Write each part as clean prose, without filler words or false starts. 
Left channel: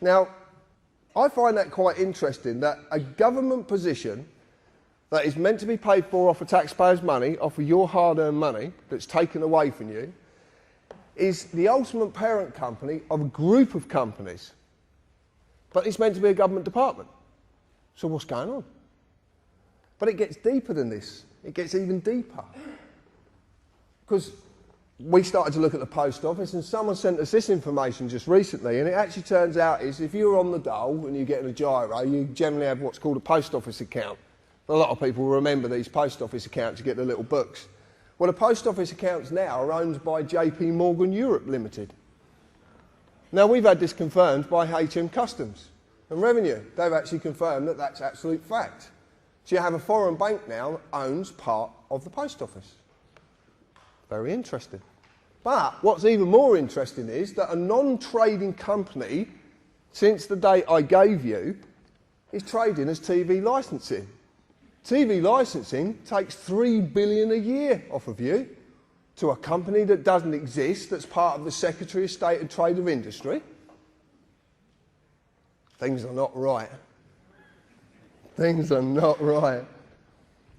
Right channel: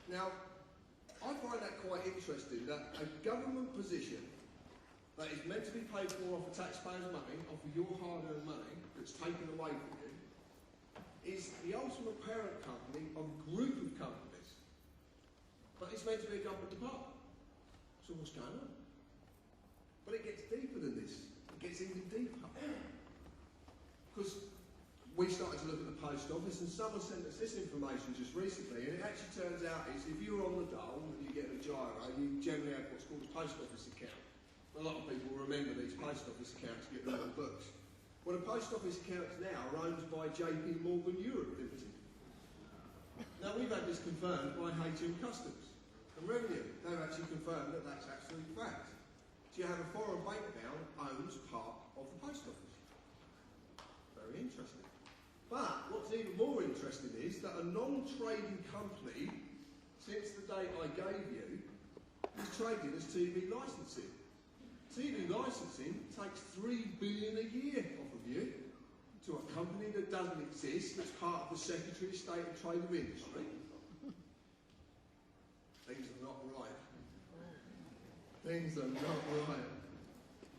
Now, I find that quite interesting, that a government position that is meant to be paid for off of taxpayers' money, off of your hard-earned money that's taken away from you, is the ultimate parent company of a group of companies. But it's meant to be a government department. So what's going on? But it gets deeper than this. It gets even deeper. Because we started to look at the post office, and someone sent us this information just recently, and it actually turns out is if you're on the dole and you're getting a gyro, you generally have what's called a post office account. A lot of people remember these post office accounts to get the little books. Well, the post office accounts now are owned by JP Morgan Europe Limited. Now, we've had this confirmed by HM Customs and Revenue. They've actually confirmed that that's absolute fact. So you have a foreign bank now that owns part of the post office. Very interesting. But what's even more interesting is that a non-trading company, since the date I gave you, is trading as TV licensing. TV licensing takes $3 billion a year off of you to a company that doesn't exist, that's part of the Secretary of State and Trade of Industry. Things are not right. Things are not right.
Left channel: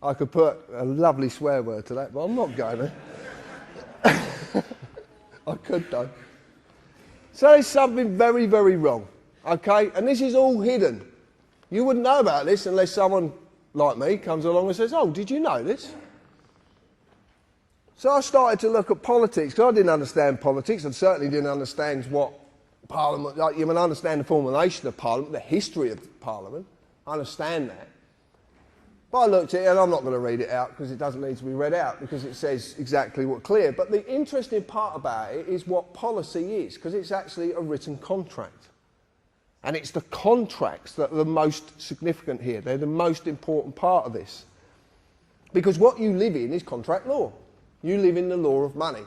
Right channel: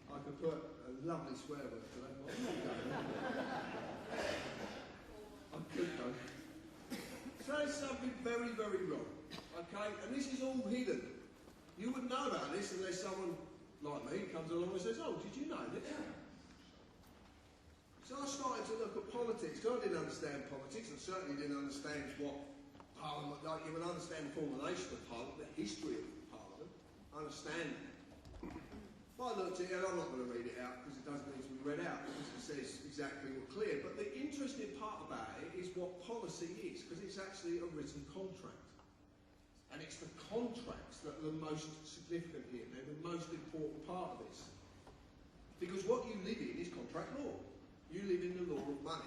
I could put a lovely swear word to that, but I'm not going to. I could though. So there's something very, very wrong, okay? And this is all hidden. You wouldn't know about this unless someone like me comes along and says, oh, did you know this? So I started to look at politics, because I didn't understand politics. I certainly didn't understand what Parliament, like, you can understand the formulation of Parliament, the history of Parliament. I understand that. But I looked at it, and I'm not going to read it out because it doesn't need to be read out because it says exactly what's clear. But the interesting part about it is what policy is, because it's actually a written contract. And it's the contracts that are the most significant here. They're the most important part of this. Because what you live in is contract law. You live in the law of money.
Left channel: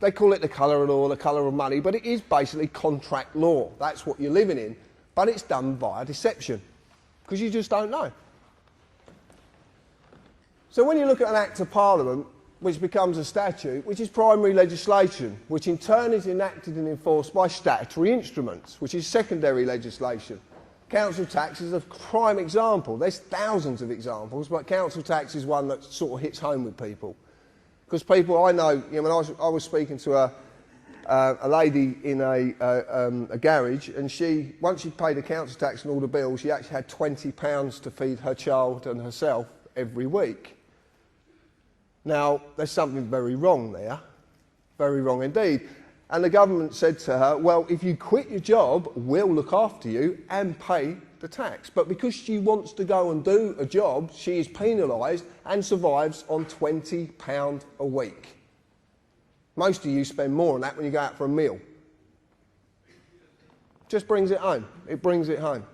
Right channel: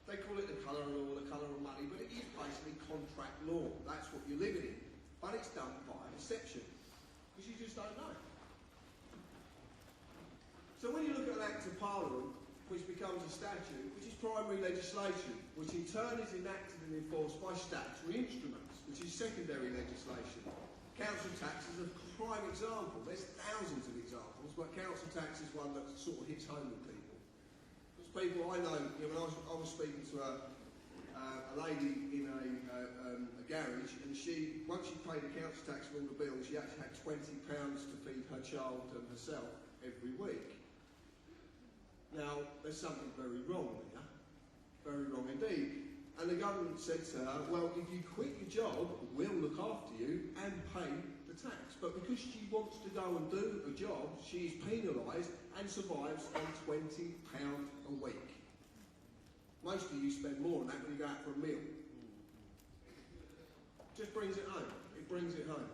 They call it the colour of law, the colour of money, but it is basically contract law. That's what you're living in. But it's done via deception, because you just don't know. So when you look at an Act of Parliament, which becomes a statute, which is primary legislation, which in turn is enacted and enforced by statutory instruments, which is secondary legislation. Council tax is a prime example. There's thousands of examples, but council tax is one that sort of hits home with people. Because people, I know, you know, when I was speaking to a lady in a garage, and she, once she'd paid the council tax and all the bills, she actually had £20 to feed her child and herself every week. Now, there's something very wrong there, very wrong indeed. And the government said to her, well, if you quit your job, we'll look after you and pay the tax. But because she wants to go and do a job, she is penalised and survives on £20 a week. Most of you spend more on that when you go out for a meal. Just brings it home. It brings it home.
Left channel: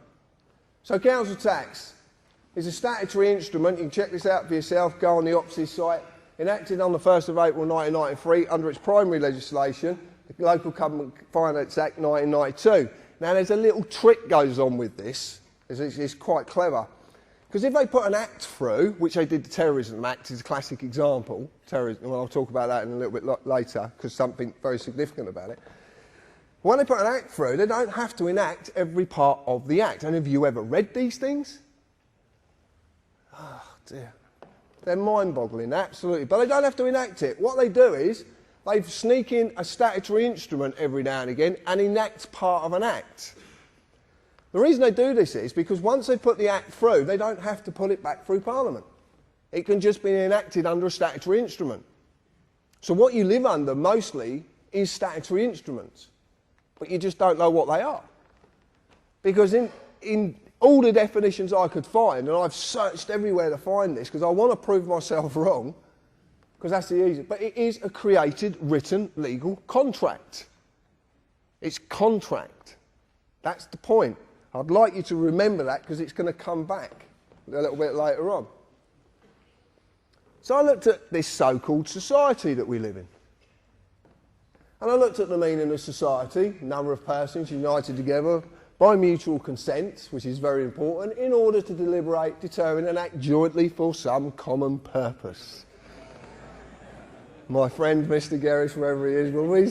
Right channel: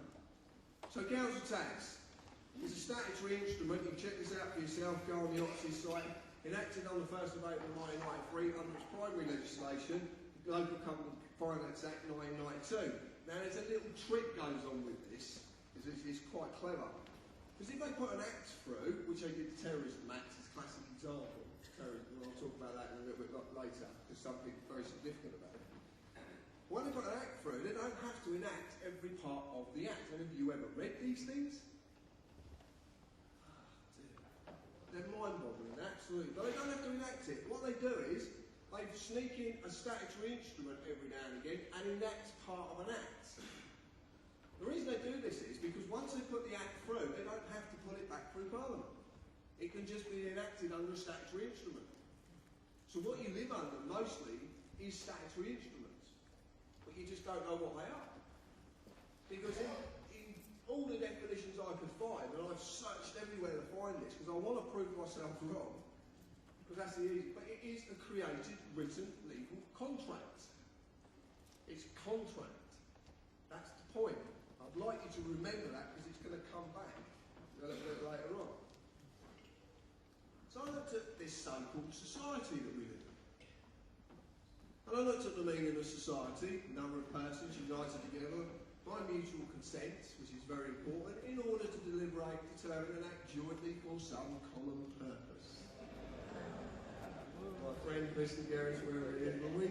So council tax is a statutory instrument. You can check this out for yourself. Go on the OPSI site. Enacted on the 1st of April 1993 under its primary legislation, the Local Government Finance Act 1992. Now there's a little trick goes on with this. It's quite clever. Because if they put an act through, which they did the Terrorism Act is a classic example, terrorism, well, I'll talk about that in a little bit later because something very significant about it. When they put an act through, they don't have to enact every part of the act. And have you ever read these things? Oh dear. They're mind-boggling, absolutely. But they don't have to enact it. What they do is they sneak in a statutory instrument every now and again and enact part of an act. The reason they do this is because once they put the act through, they don't have to put it back through Parliament. It can just be enacted under a statutory instrument. So what you live under mostly is statutory instruments, but you just don't know what they are. Because in all the definitions I could find, and I've searched everywhere to find this because I want to prove myself wrong, because that's the easiest, but it is a created, written, legal contract. It's contract. That's the point. I'd like you to remember that because it's going to come back a little bit later on. So I looked at this so-called society that we live in. And I looked at the meaning of society, number of persons united together by mutual consent, which is very important, in order to deliberate, determine and act jointly for some common purpose. My friend, Mr. Gerris, wherever he is, will be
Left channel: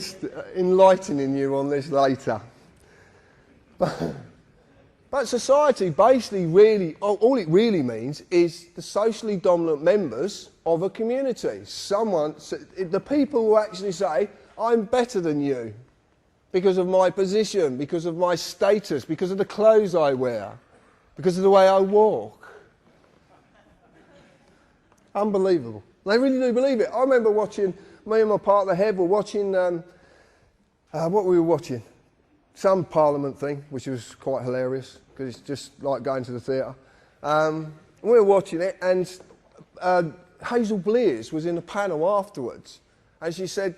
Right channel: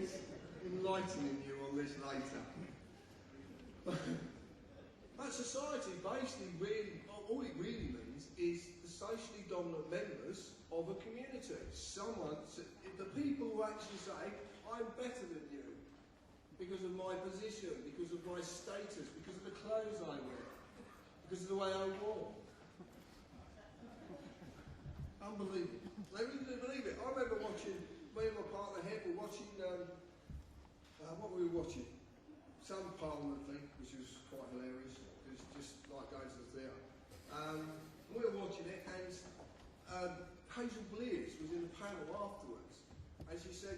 enlightening you on this later. But society basically really, all it really means is the socially dominant members of a community. The people who actually say, I'm better than you because of my position, because of my status, because of the clothes I wear, because of the way I walk. Unbelievable. They really do believe it. I remember watching, me and my partner Heb were watching, what were we watching? Some Parliament thing, which was quite hilarious, because it's just like going to the theatre. We were watching it, and Hazel Blears was in the panel afterwards, and she said,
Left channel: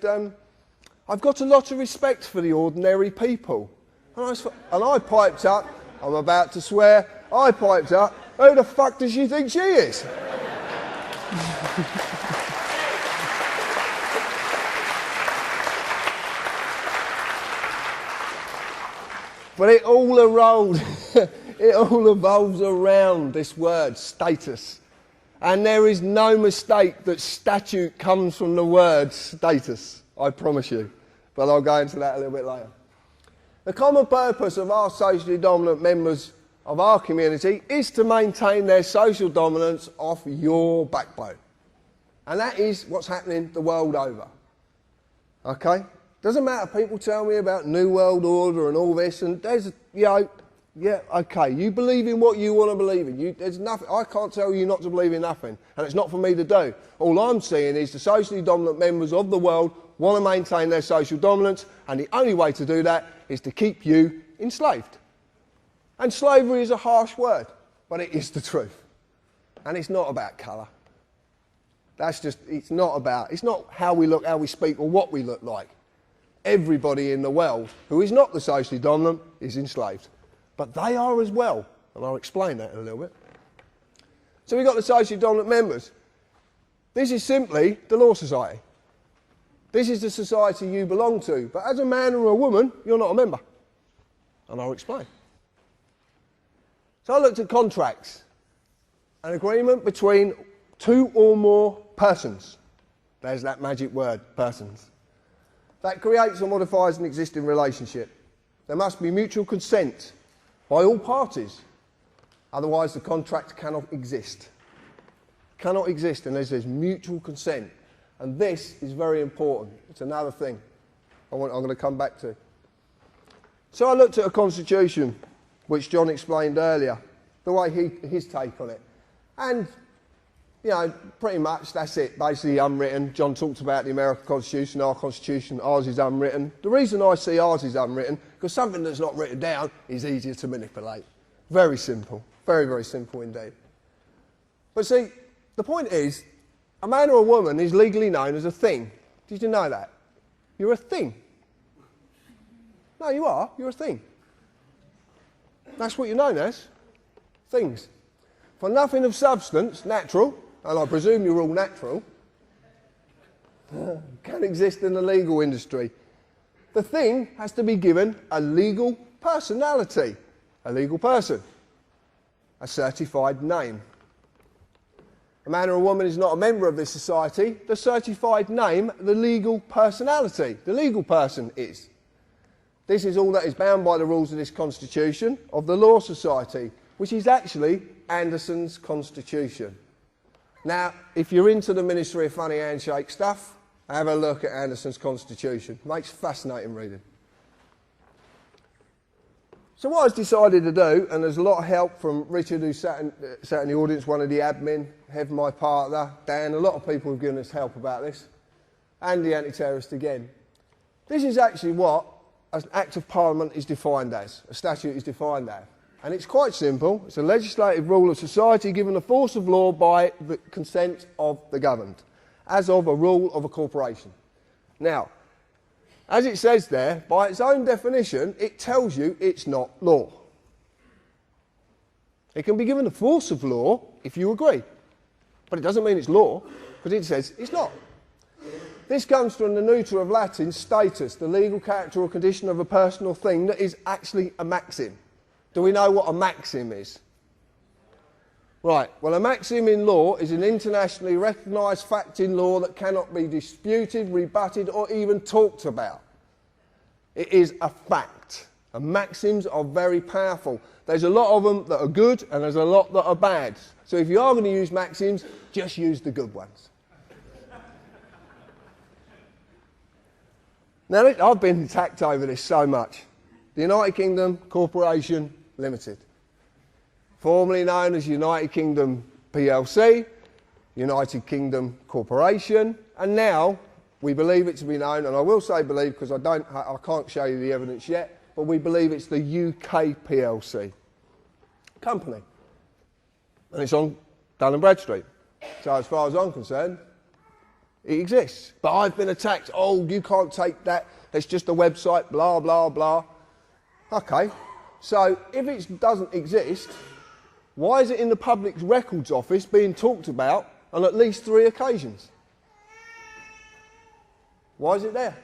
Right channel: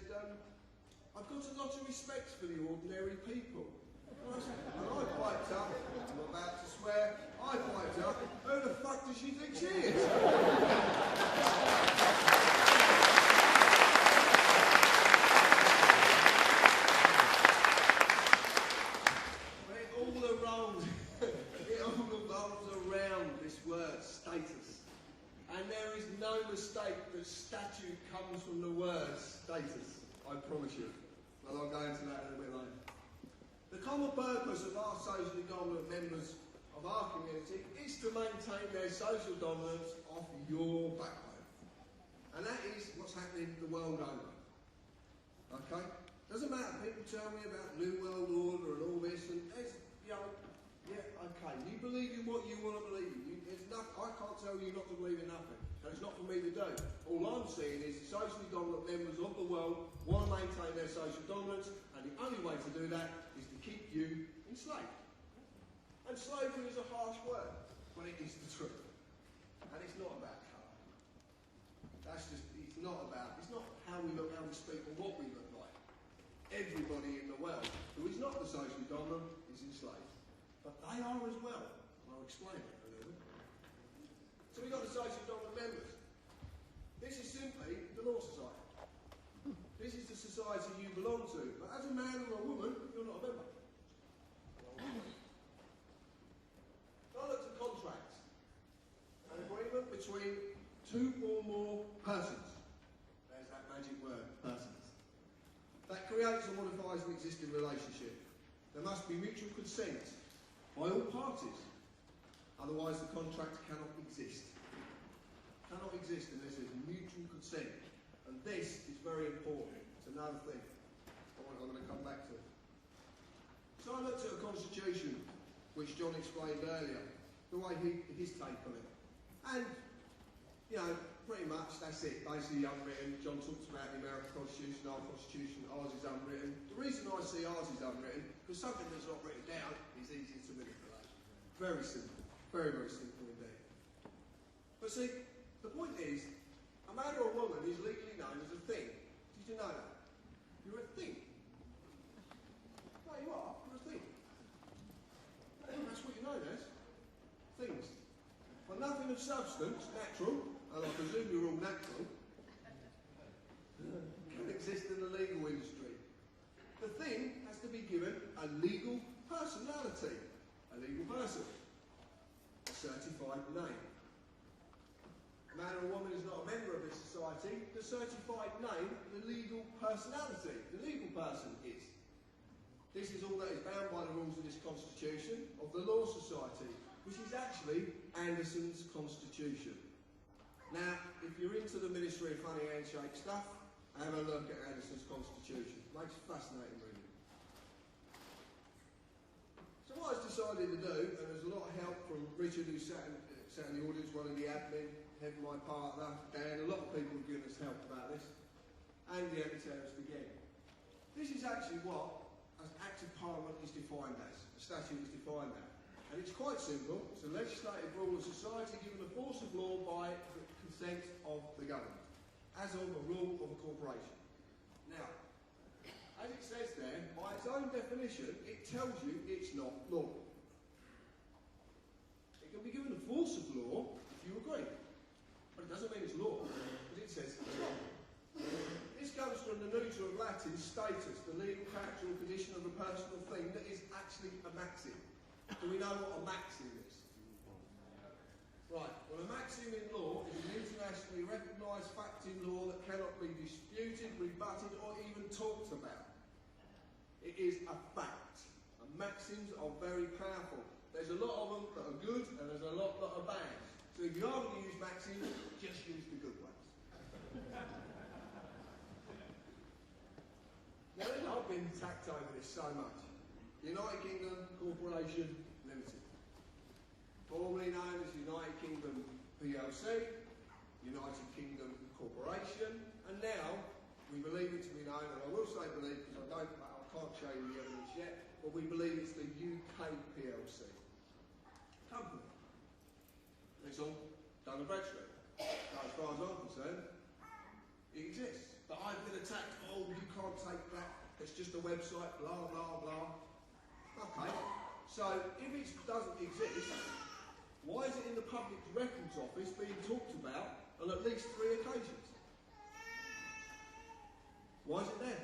I've got a lot of respect for the ordinary people. And I piped up, I'm about to swear, I piped up, who the fuck does she think she is? But it all evolves around this word, status. And there is no mistake that statute comes from the word status, I promise you. But I'll go into that a little bit later. The common purpose of our socially dominant members of our community is to maintain their social dominance off your backbone. And that is what's happening the world over. Okay? Doesn't matter, people tell me about New World Order and all this, and there's, yeah, okay, you believe in what you want to believe in. There's nothing, I can't tell you not to believe in nothing, and it's not for me to do. All I'm saying is the socially dominant members of the world want to maintain their social dominance, and the only way to do that is to keep you enslaved. And slavery is a harsh word, but it is the truth. And it's not about colour. It's not how we look, how we speak, or what we look like. Everybody in the world who is not the socially dominant is enslaved. But they are as well, and I'll explain that in a little bit. So we've got the socially dominant members. This is simply the Law Society. This is the society you belong to, but as a man or a woman, you're not a member. And I'll explain. So I looked at contracts. An agreement between two or more persons. There's that magic word, persons. That creates or modifies an existing relationship. There must be mutual consent by all parties. Otherwise, the contract cannot exist. Cannot exist unless there's mutual consent. And this is very important. It's another thing I'm going to come back to. So I looked at a constitution, which John explained earlier, the way his take on it. And, you know, pretty much that's it, basically unwritten. John talked about the American Constitution, our Constitution, ours is unwritten. The reason I see ours is unwritten, because something that's not written down is easier to manipulate. Very simple, very, very simple indeed. But see, the point is, a man or a woman is legally known as a thing. Did you know that? You're a thing. No, you are. You're a thing. That's what you're known as. Things. For nothing of substance, natural, and I presume you're all natural, can exist in the legal industry. The thing has to be given a legal personality. A legal person. A certified name. A man or a woman is not a member of this society. The certified name, the legal personality. The legal person is. This is all that is bound by the rules of this Constitution of the Law Society, which is actually Anderson's Constitution. Now, if you're into the Ministry of Funny Handshake stuff, have a look at Anderson's Constitution. Makes fascinating reading. So what I've decided to do, and there's a lot of help from Richard, who sat in the audience, one of the admin, Hev, my partner, Dan, a lot of people have given us help about this, and the anti-terrorist again. This is actually what an Act of Parliament is defined as, a statute is defined as. And it's quite simple. It's a legislative rule of society given the force of law by the consent of the governed, as of a rule of a corporation. Now, as it says there, by its own definition, it tells you it's not law. It can be given the force of law if you agree. But it doesn't mean it's law, because it says it's not. This comes from the neuter of Latin, status, the legal character or condition of a person or thing that is actually a maxim. Do we know what a maxim is? Right, well, a maxim in law is an internationally recognised fact in law that cannot be disputed, rebutted, or even talked about. It is a fact, And maxims are very powerful. There's a lot of them that are good and there's a lot that are bad. So if you are going to use maxims, just use the good ones. Now, I've been attacked over this so much. The United Kingdom Corporation Limited, formerly known as United Kingdom PLC, United Kingdom Corporation, and now we believe it to be known, and I will say believe because I can't show you the evidence yet, but we believe it's the UK PLC company. And it's on Dun & Bradstreet. So as far as I'm concerned, it exists. But I've been attacked. Oh, you can't take that. It's just a website, blah, blah, blah. Okay. So if it doesn't exist, why is it in the Public Records Office being talked about on at least 3 occasions? Why is it there?